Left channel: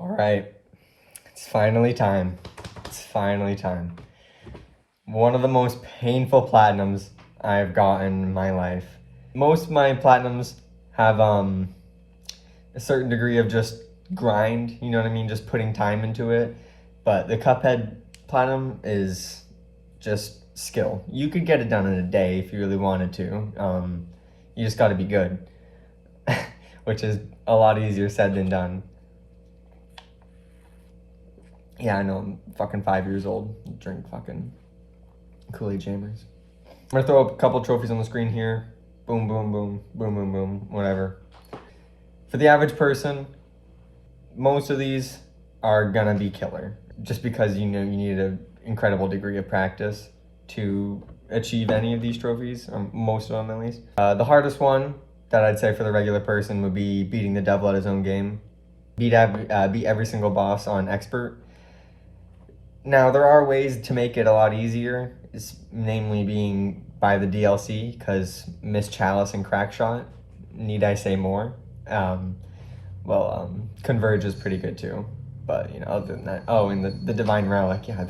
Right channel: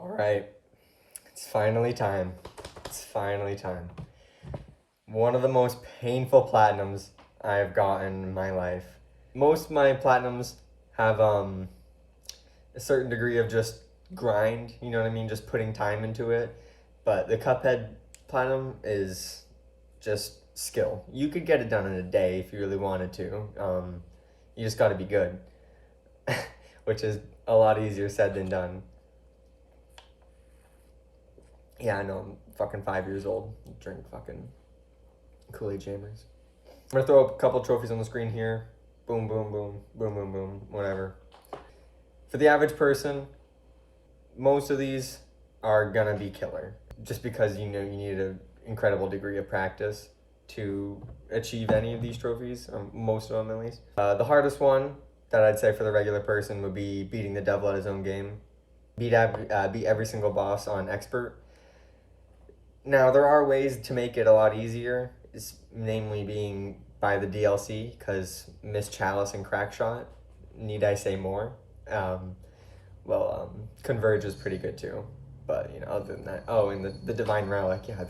All right, it's finally time. It's finally time. One of the most painful platinums I've gotten in my life. Most of my platinums have a certain degree of just grind, you know what I mean? Just putting time into it. But the Cuphead platinum is just skill. You could get it done in a day if you really wanted to. You just gotta be good, which is a lot easier said than done. Yeah, I know, I'm fucking 5 years old. Drink fucking Kool-Aid Jammers. I'm gonna throw up a couple trophies on the screen here. Boom, boom, boom, boom, boom, boom, whatever. For the average person, most of these are gonna be killer. Just because you know you need an incredible degree of practice to achieve any of these trophies, most of them at least. The hardest one that I'd say for the regular person would be beating the devil at his own game. Beat every single boss on expert. Now, there are ways to make it a lot easier, namely being by the DLC, because Miss Chalice and Crackshot, need I say more? Converge is pretty good too, but you know, other than that, oh, and the Divine Relic, yeah,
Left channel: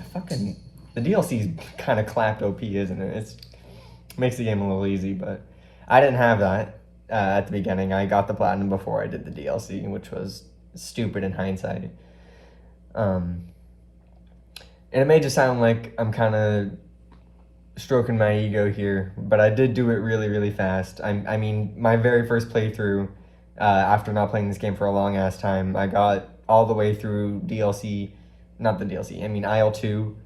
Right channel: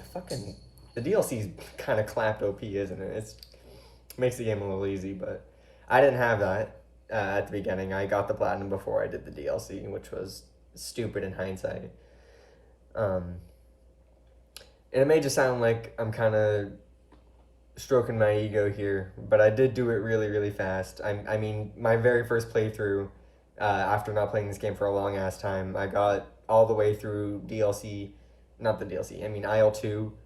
the DLC's kind of clapped OP, isn't it? It makes the game a little easy, but I didn't have that at the beginning. I got the Platinum before I did the DLC, which was stupid in hindsight. And it may just sound like I'm kind of stroking my ego here, but I did do it really, really fast. I mean, my very first playthrough, after not playing this game for a long ass time, I got all the way through Isle 2,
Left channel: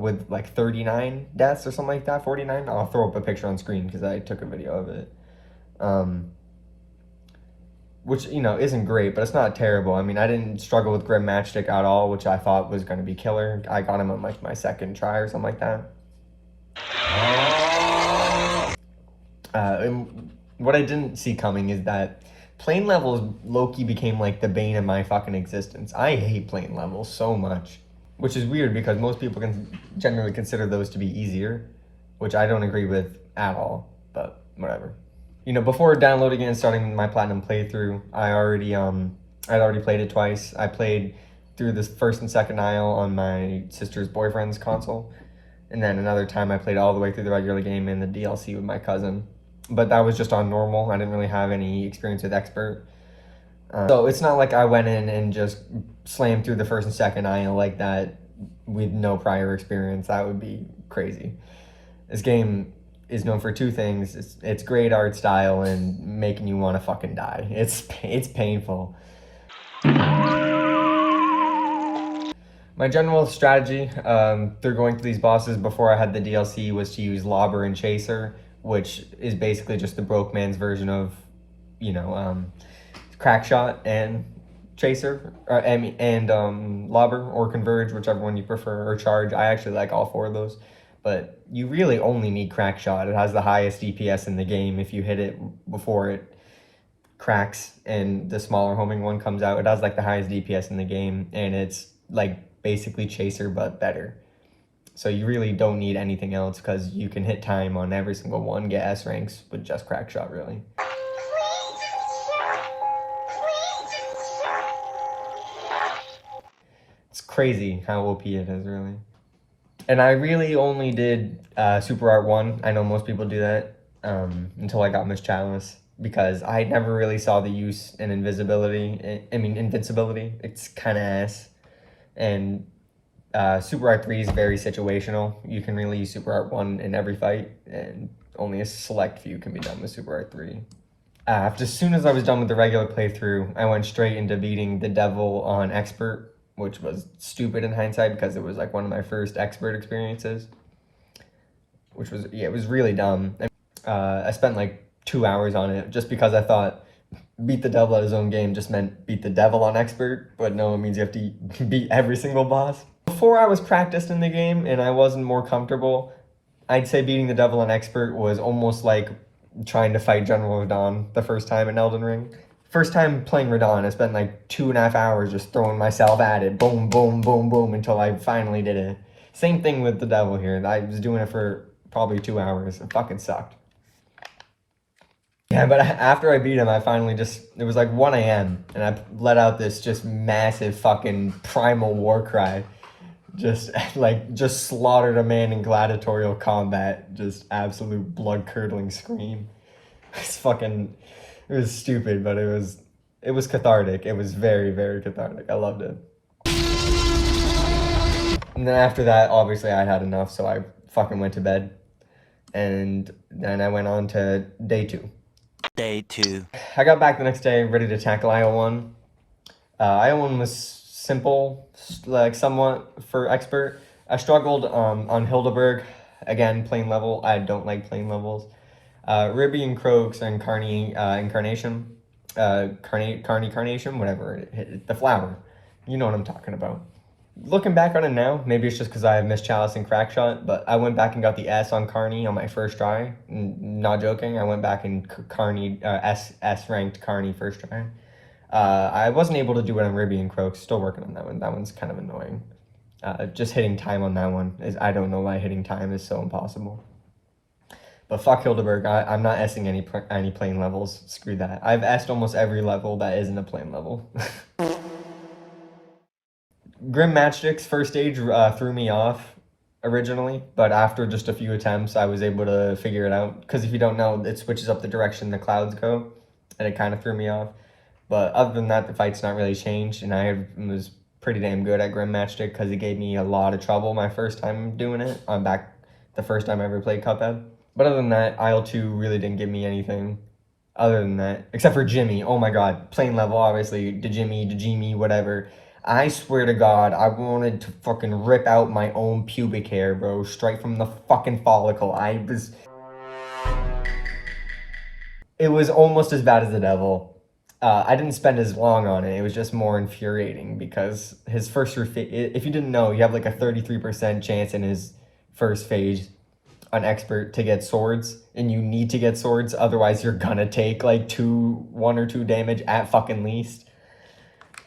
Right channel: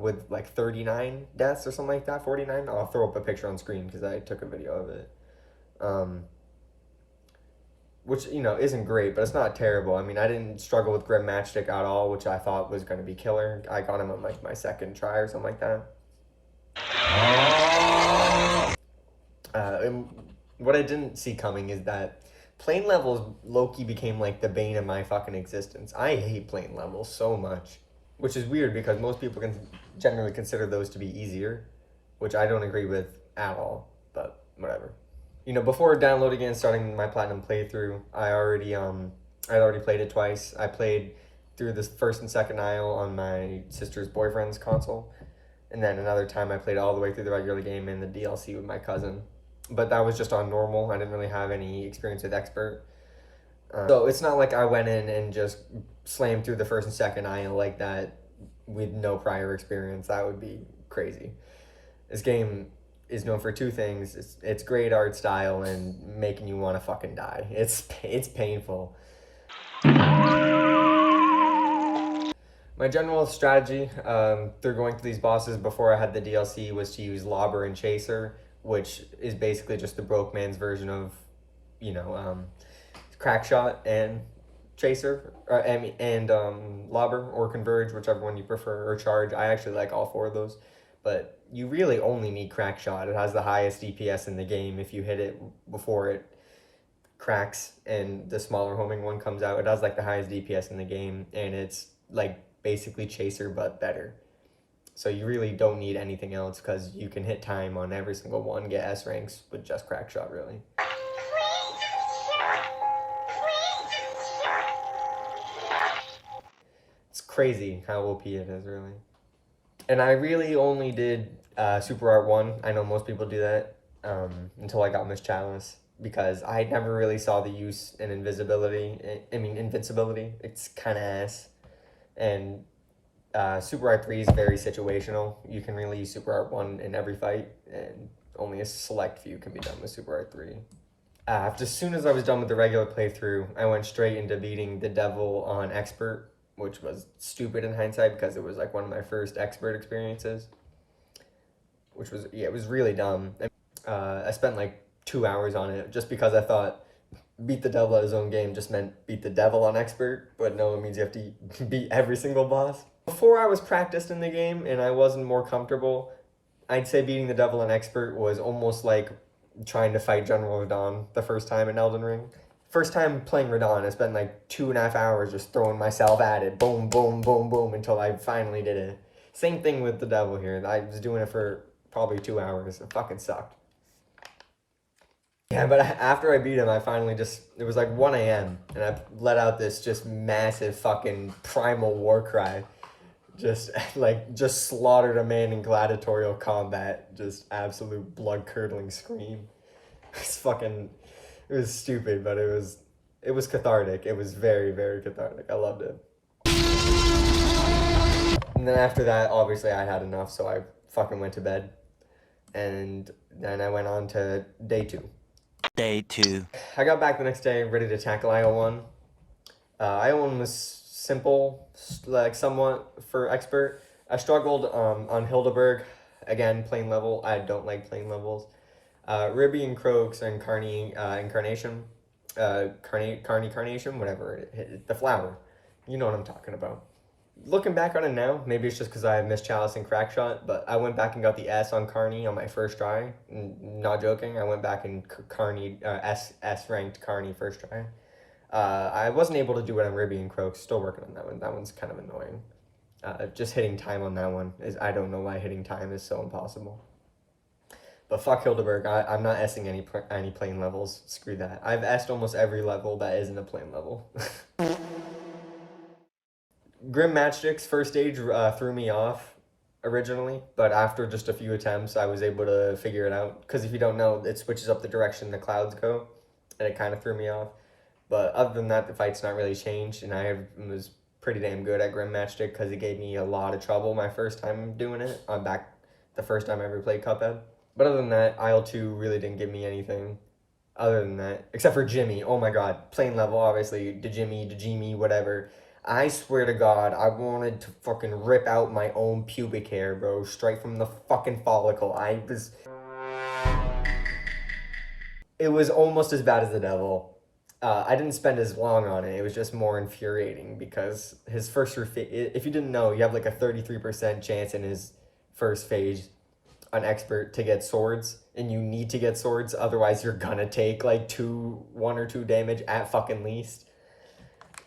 with like 39 deaths or something like that, 49. I'll throw up a picture on screen because I took a video of it. Which, you know, isn't great, but it's not terrible. I mean, I didn't struggle with Grim Matchstick at all, which I thought was going to be killer. I got him on like my second try or something like that. And what I didn't see coming is that plane levels low-key became like the bane of my fucking existence. I hate plane levels so much, which is weird because most people can generally consider those to be easier, which I don't agree with at all, but whatever. You know, before downloading it and starting my Platinum playthrough, I'd already played it twice. I played through this first and second Isle on my sister's boyfriend's console, and then another time I played all the way through the regular game and the DLC with my cousin. But that was just on normal. I didn't really have any experience with expert. So it's not like I went in and just slammed through the first and second Isle like that with no prior experience. That would be crazy. This game is known for two things. It's great art style and making you want to fucking die. It's painful. My general strategy through going through these bosses before I had the DLC was to use Lobber and Chaser, which is basically just the broke man's version of, you know, Crackshot and Chaser, Lobber or Converge, whichever one you prefer, or Charge. I actually like all four of those. But you really only need Crackshot. It has the highest DPS in the game. If you hit it before it cracks and the smaller homing one comes out, it has like the highest DPS in the game, and it's like basically Chaser but better. So you really don't need anything else because you can hit time on every single one, get S ranks with just Crackshot, really. It's crazy how OP it is, really. And I really only did Super Art 1. I know most people do that until I got Miss Chalice, because I never really saw the use in invincibility. It's kind of ass. And Super Art 3 is very situational. You can really use Super Art 1 in every fight, and only a select few can be done with Super Art 3. As soon as I was done with the regular playthrough, I went straight into beating the devil on expert, which was stupid in hindsight because it was like one of my first expert experiences, which was, yeah, it was really dumb. I spent like 2 hours on it just because I thought beat the devil at his own game just meant beat the devil on expert, but no, it means you have to beat every single boss. Before I was practiced in the game and I wasn't more comfortable, I'd say beating the devil on expert was almost like trying to fight General Radahn the first time in Elden Ring. First time playing Radahn, I spent like 2.5 hours just throwing myself at it, boom, boom, boom, boom, until I finally did it. Same thing with the devil here. I was doing it for probably 2 hours. It fucking sucked. Yeah, but after I beat him, I finally it was like 1 a.m. and I let out this just massive fucking primal war cry. Just just slaughtered a man in gladiatorial combat. Just absolute blood curdling scream. It's fucking, it was stupid, but it was cathartic. It was very, very cathartic. I loved it. And then after that, obviously I had enough, so I fucking went to bed. And then I went on to day 2. Day 2. I got back the next day, ready to tackle IO1. IO1 was simple, like somewhat for expert. I struggled on Hildeberg. Again, plain level. I don't like plain levels. Ribby and Croaks and Incarnation. Carnation, whatever. The flower. You know what I'm talking about. Looking back on it now, maybe it's just because I have missed Chalice and Crackshot, but I went back and got the S on Carney on my first try. Not joking, I went back and Carney, S ranked Carney first try. I wasn't able to do it on Ribby and Croaks, still working on that one. That one's kind of annoying. Just hitting time on that one, I don't know why hitting time is so impossible. But fuck Hildeberg, I'm not S-ing any plane levels, screw that. I've S-ed almost every level that isn't a plane level. Grim Matchstick's first stage threw me off originally, but after just a few attempts, I was able to figure it out. Because if you don't know, it switches up the direction the clouds go, and it kind of threw me off. But other than that, the fight's not really changed, and I was pretty damn good at Grim Matchstick because it gave me a lot of trouble my first time doing it. I'm back the first time I ever played Cuphead. But other than that, IL-2 really didn't give me anything. Other than that, except for Jimmy. Oh my god, plain level, obviously, Dejimmy, whatever. I swear to God, I wanted to fucking rip out my own pubic hair, bro. Straight from the fucking follicle. It was almost as bad as the devil. I didn't spend as long on it. It was just more infuriating because his first, if you didn't know, you have like a 33% chance in his first phase on expert to get swords, and you need to get swords, otherwise you're gonna take like 1 or 2 damage at fucking least.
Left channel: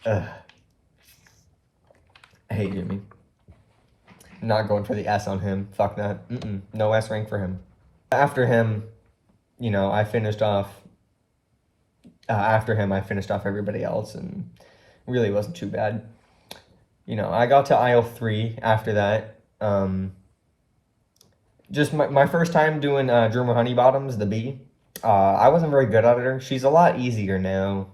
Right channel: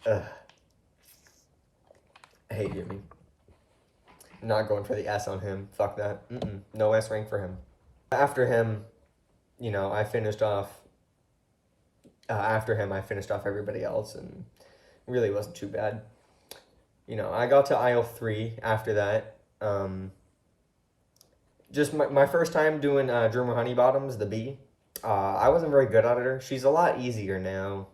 Ugh. I hate Jimmy. I'm not going for the S on him. Fuck that. No S rank for him. After him, you know, I finished off. After him, I finished off everybody else, and really wasn't too bad. You know, I got to IL-3 after that. Just my first time doing Droomer Honeybottoms, the B. I wasn't very good at her. She's a lot easier now.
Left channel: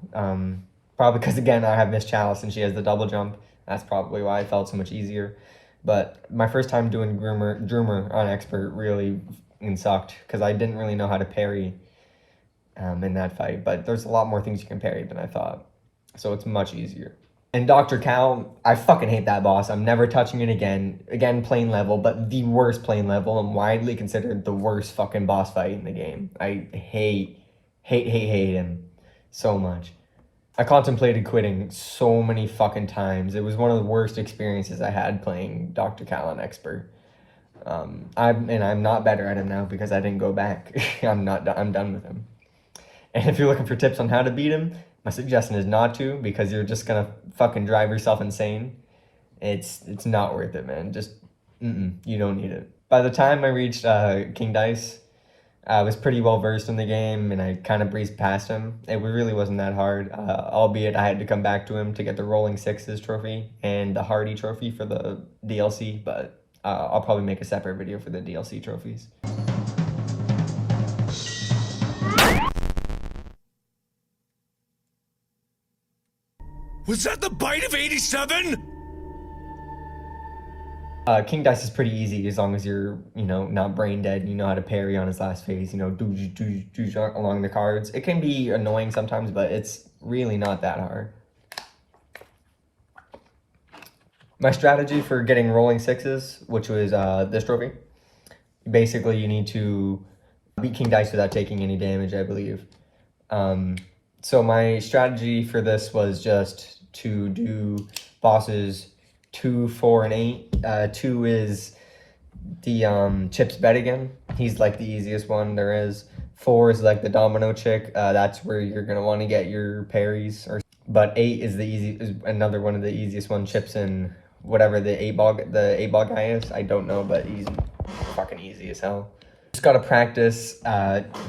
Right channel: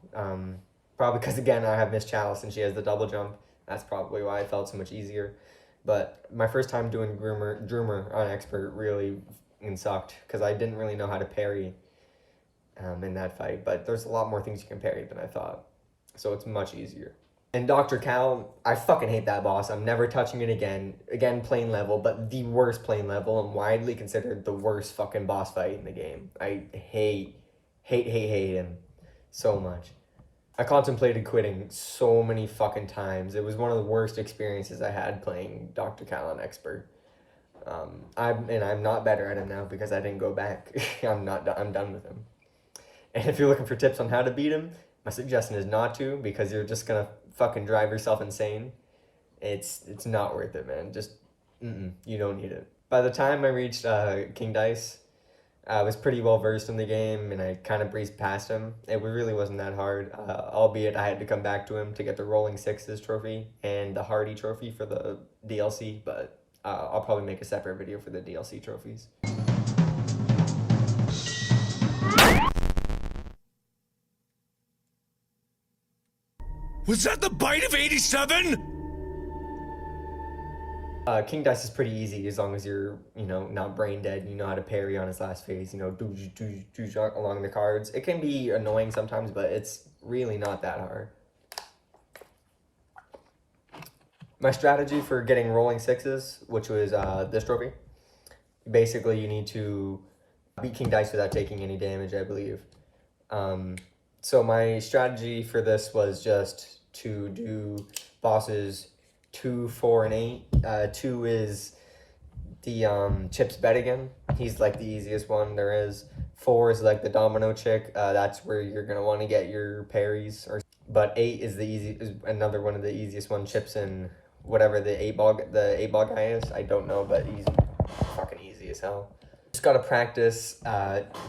Probably because, again, I have Miss Chalice and she has the double jump. That's probably why it felt so much easier. But my first time doing Droomer on expert really sucked because I didn't really know how to parry in that fight. But there's a lot more things you can parry than I thought. So it's much easier. And Dr. Cal, I fucking hate that boss. I'm never touching it again. Again, plain level, but the worst plain level and widely considered the worst fucking boss fight in the game. I hate him so much. I contemplated quitting so many fucking times. It was one of the worst experiences I had playing Dr. Cal on expert. I'm not better at him now because I didn't go back. I'm done with him. And if you're looking for tips on how to beat him, my suggestion is not to, because you're just gonna fucking drive yourself insane. It's not worth it, man. Just you don't need it. By the time I reached King Dice, I was pretty well versed in the game, and I kind of breezed past him. It really wasn't that hard, albeit I had to come back to him to get the Rolling Sixes trophy and the Hardy trophy for the DLC, but I'll probably make a separate video for the DLC trophies. Was that the bite of 87? King Dice is pretty easy as long as you're, you know, not brain dead and you know how to parry on his last phase, you know, along the cards. It can be annoying sometimes, but it's really not that hard. My strategy for getting Rolling Sixes, which was this trophy, basically you need to beat King Dice without taking any damage, I believe. So my strategy for this was just to do bosses 2, 4, and 8. 2 is the Chip's Bet again. He's like the easiest one there is. 4 is like the domino chick. That's where you're gonna want to get your parries. But 8 is another one of the easiest one. Chips and whatever the 8 ball guy is. I don't know, but he's fucking easy as hell. Just gotta practice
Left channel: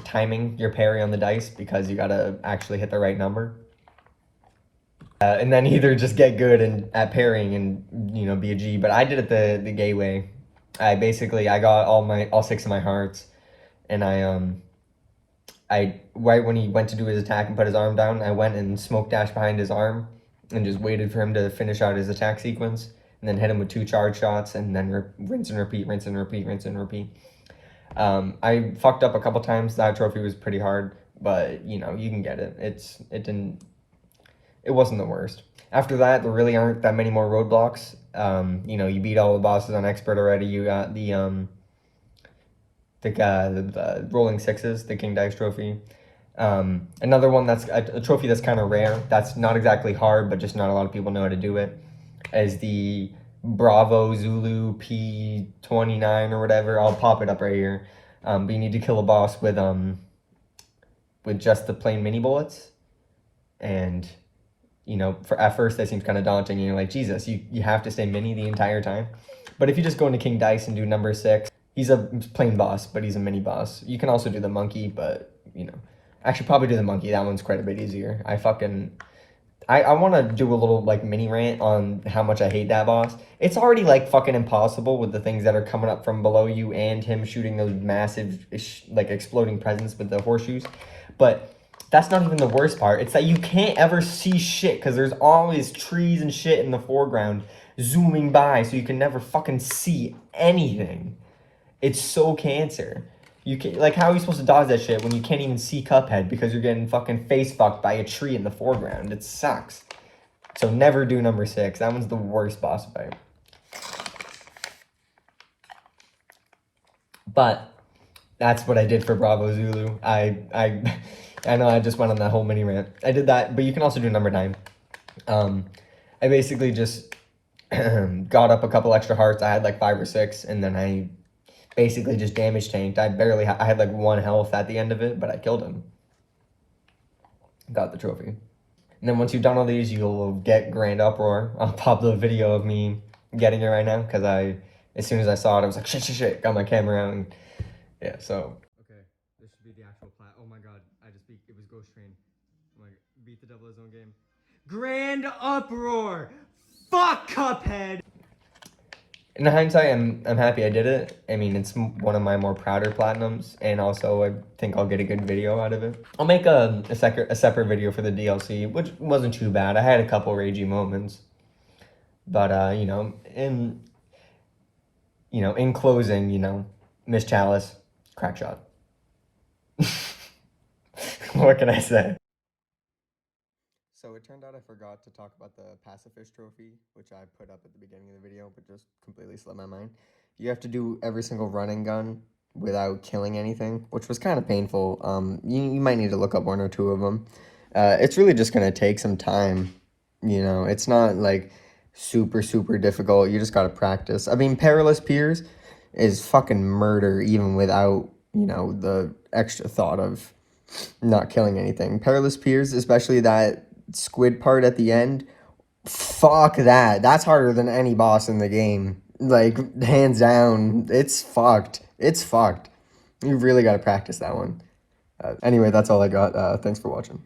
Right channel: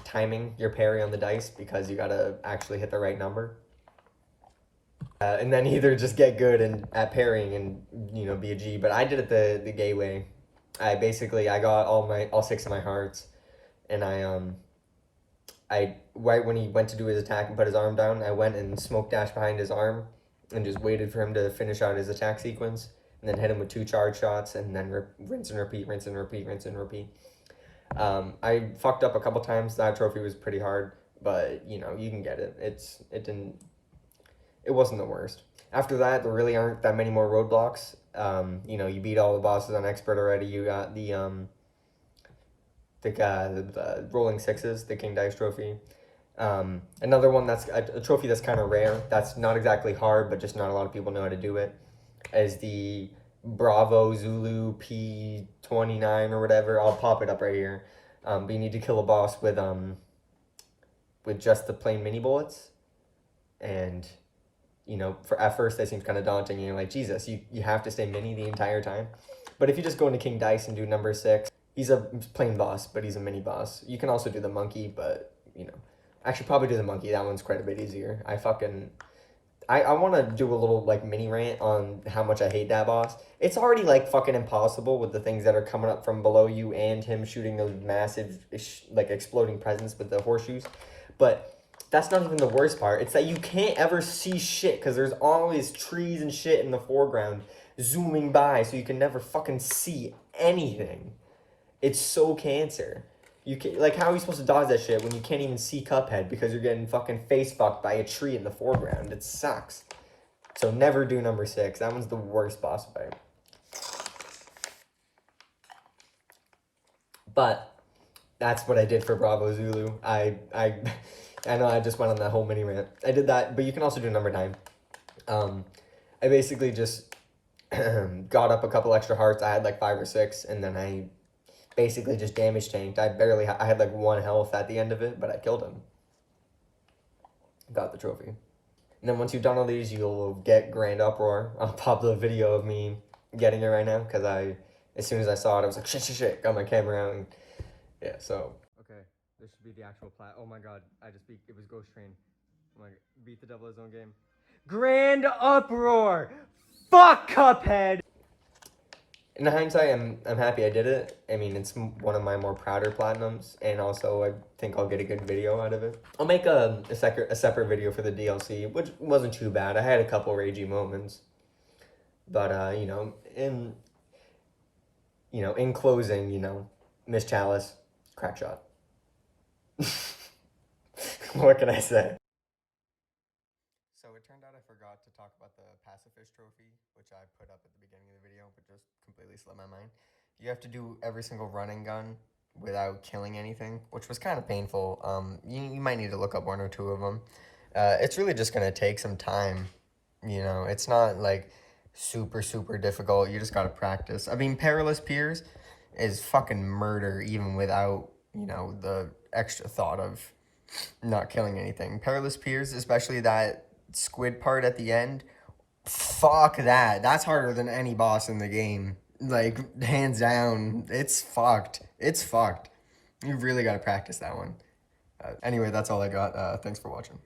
timing your parry on the dice because you gotta actually hit the right number. And then either just get good at parrying and, you know, be a G. But I did it the gay way. I got all 6 of my hearts, and I right when he went to do his attack and put his arm down, I went and smoke dashed behind his arm and just waited for him to finish out his attack sequence, and then hit him with 2 charge shots, and then rinse and repeat, rinse and repeat, rinse and repeat. I fucked up a couple times. That trophy was pretty hard, but you know, you can get it. It wasn't the worst. After that, there really aren't that many more roadblocks. You know, you beat all the bosses on expert already. You got the rolling sixes, the King Dice trophy. Another one that's a trophy that's kind of rare. That's not exactly hard, but just not a lot of people know how to do it. Is the Bravo Zulu P29 or whatever. I'll pop it up right here. But you need to kill a boss with just the plain mini bullets, and you know, at first that seems kind of daunting, and you're like, Jesus, you have to stay mini the entire time. But if you just go into King Dice and do number 6, he's a plain boss, but he's a mini boss. You can also do the monkey, but, you know, I should probably do the monkey. That one's quite a bit easier. I want to do a little, like, mini rant on how much I hate that boss. It's already, like, fucking impossible with the things that are coming up from below you and him shooting those massive, like, exploding presents with the horseshoes. But that's not even the worst part. It's that you can't ever see shit because there's always trees and shit in the foreground zooming by, so you can never fucking see anything. It's so cancer. You can, like, how are you supposed to dodge that shit when you can't even see Cuphead because you're getting fucking face fucked by a tree in the foreground? It sucks. So never do number 6. That one's the worst boss fight. But that's what I did for Bravo Zulu. I know I just went on that whole mini rant. I did that, but you can also do number 9. I basically just got up a couple extra hearts. I had like 5 or 6, and then I basically just damage tanked. I had like 1 health at the end of it, but I killed him. Got the trophy. And then once you've done all these, you'll get Grand Uproar. I'll pop the video of me getting it right now, because as soon as I saw it, I was like, shit, got my camera out, and yeah, so. Okay, this should be the actual plat. Oh my god, it was Ghost Train. I'm like, beat the devil his own game. Grand Uproar! Fuck Cuphead! In hindsight, I'm happy I did it. I mean, it's one of my more prouder platinums, and also I think I'll get a good video out of it. I'll make a separate video for the DLC, which wasn't too bad. I had a couple ragey moments, but you know, in closing, you know, Miss Chalice, crack shot. What can I say? So it turned out I forgot to talk about the Pacifist Trophy, which I put up at the beginning of the video, but just completely slipped my mind. You have to do every single running gun without killing anything, which was kind of painful. You might need to look up 1 or 2 of them. It's really just going to take some time, you know. It's not, like, super, super difficult. You just got to practice. I mean, Perilous Piers is fucking murder even without, you know, the extra thought of not killing anything. Perilous Piers, especially that squid part at the end, fuck that. That's harder than any boss in the game. Like, hands down, it's fucked. It's fucked. You really got to practice that one. Anyway, that's all I got. Thanks for watching.